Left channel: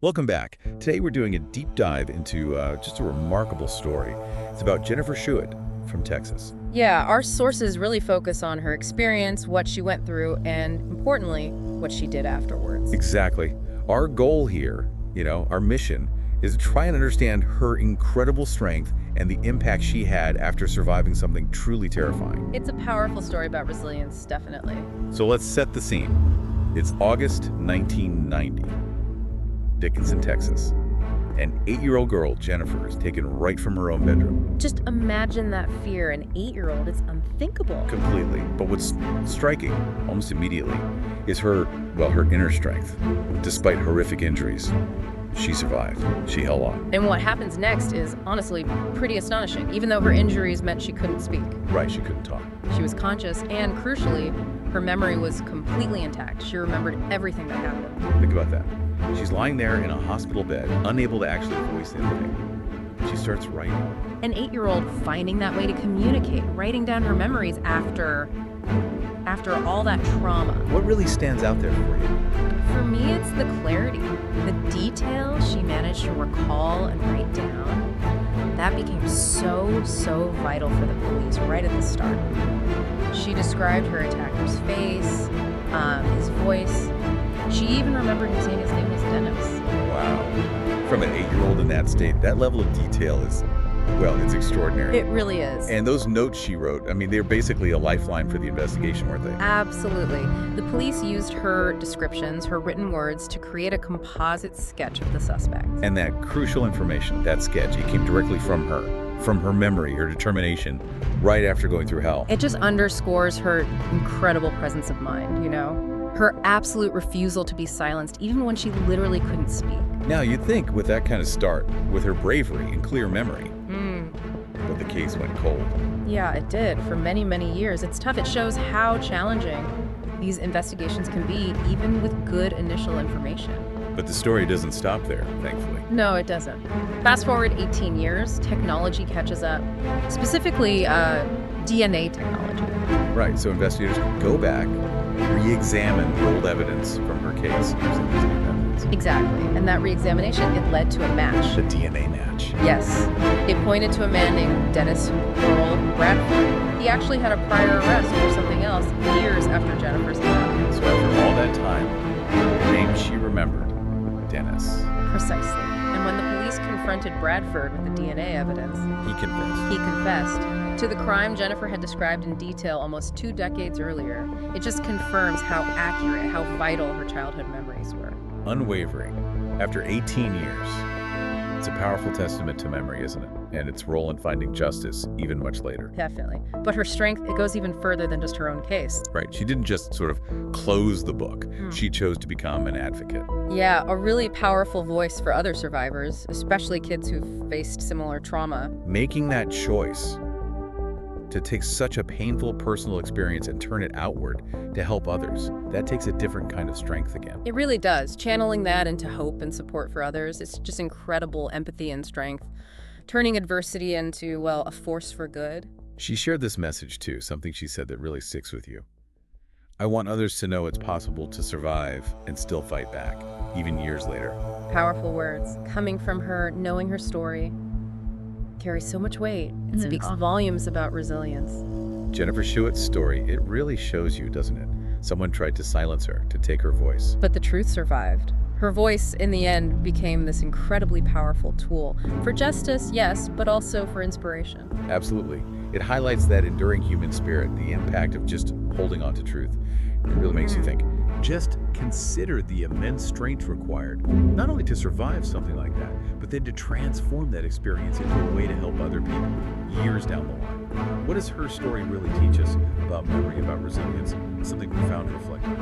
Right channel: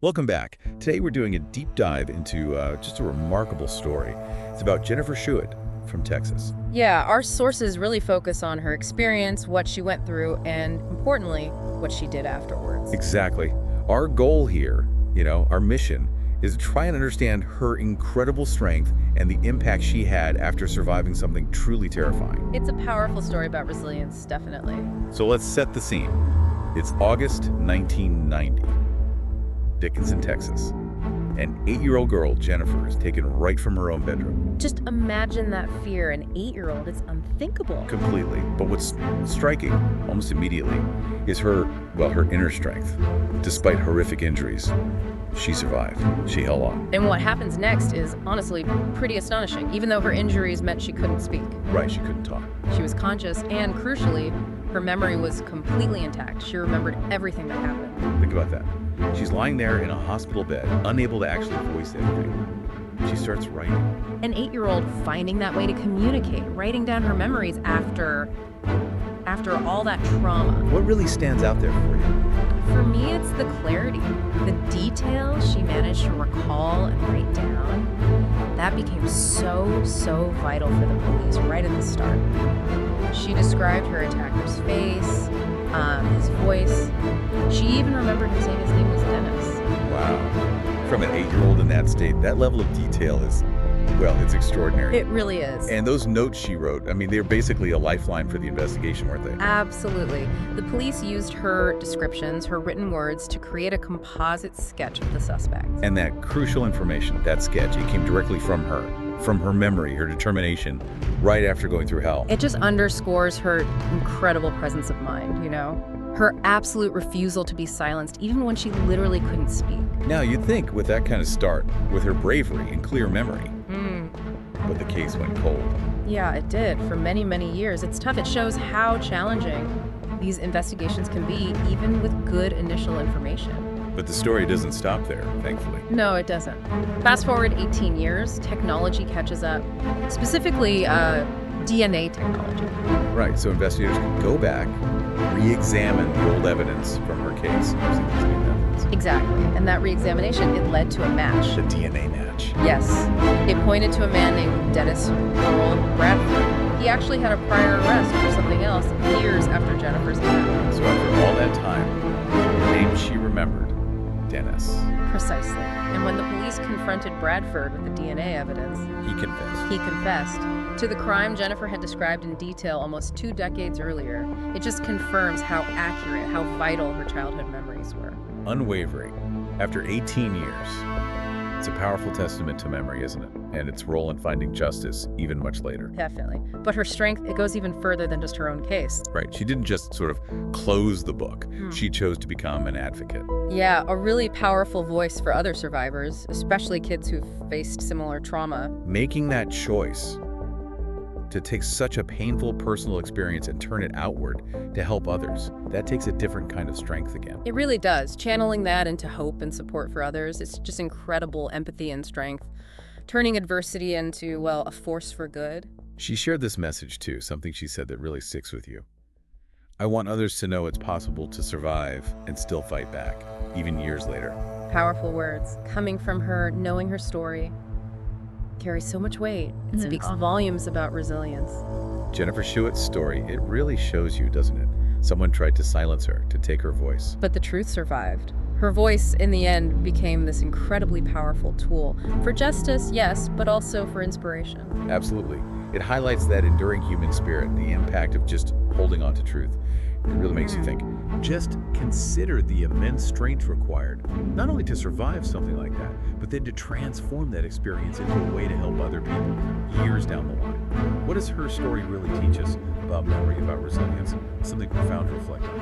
Welcome back. Today we're doing a deep dive into just a remarkable story. It's about Jennifer Schuett from Texas. Yeah, our sources really focus on her experience, what she went through, and importantly, what she did afterwards. Exactly. Our goal here, our mission, is to try and understand her incredible strength and the impact she had after surviving something truly terrifying. It's a powerful story about resilience, definitely. So let's set the scene. It's August 1990, Dickinson, Texas. An 8-year-old girl, Jennifer, is taken right from her own bedroom. Just imagine that fear. An 8-year-old, it's unthinkable. Completely. But what's striking, almost immediately, is her inner strength. Despite horrific injuries, she survived. She held on. And what happens next is honestly pretty astonishing, even though her injuries meant she couldn't speak. Right, she couldn't talk. She was conscious, and crucially, her memory was completely intact. She remembered everything that happened. Think about that. She's lying there in a hospital bed, unable to actually voice anything. She starts writing. An 8-year-old finding that way to communicate, writing down her memories after all that trauma. What really stands out there for you? For me, it's the clarity, the details she managed to recall and write down. That became so vital for the police right at the start. She described her attacker's face, his voice. She even remembered him saying his name was Dennis. Wow. From an 8-year-old in that state, that level of detail is, it's extraordinary. It really is. And those notes she wrote, they're basically a lifeline for the investigation, weren't they? Absolutely. The police used her descriptions, her written words, to create a composite sketch of the suspect. And that crucial information, that sketch, it came directly from her memory, her determination, right after going through hell. It just underscores her incredible presence of mind, Her absolute refusal to be silenced, even when she literally couldn't speak. Now, you'd think with that kind of start, with her bravery and clear memory, but the case went cold. Yeah, it did. For many years. It's tough. It shows how challenging these investigations can be, even with good initial information. But the story doesn't stop there, thankfully. No, it doesn't. Fast forward 18 years, technology catches up, specifically DNA technology. Right, so investigators could go back, re-examine the old evidence from her case using these new methods. Exactly, and that re-examination, it led to a match. The DNA match. Yes, it pointed to a man named Dennis Earl Bradford. He actually had a prior arrest for something else years after Jennifer's death. So after all that time, the name she remembered, Dennis. Precisely. And when the police confronted Bradford with the DNA evidence, He confessed. he confessed to the crime Jennifer had described in detail almost 2 decades earlier. It just confirms how accurate, how vital her childhood memories were. Unwavering. After 18 years. It's a powerful testament to memory, isn't it? And its role in finding justice even much later. Definitely. But her strength, it goes even further than just her own case. Right. She didn't just sort of close the book. She chose to become an advocate. Yeah, a really powerful voice for other survivors, especially kids who've faced similar trauma. Making that choice to take such a painful personal experience and turn it outward to help others, that takes a different kind of strength again. It really does. Channeling that into hope and support for others, it's just incredible empathy and strength. Turning adversity into, a force for good. She shared this message too, something she said that really sticks with you. I want others to know it's possible to survive and still fight back, even years later. Powerful words coming from her, knowing her story, carries so much weight. It speaks volumes about resilience. Jennifer Schuett's story, it really shows you, doesn't it? Someone tried to silence her, to take her voice. But the truth survived. Her voice, in the end, became this incredibly powerful tool for justice, yes, but also for inspiration. Absolutely. It highlights that enduring human spirit, the impact of just holding on to truth. It really makes you think. Just consider the immense strength required, not only to survive something like that, but then to transform that experience into a way to help other people years down the line. What does her story really teach us about memory, about resilience? Something profound to reflect on.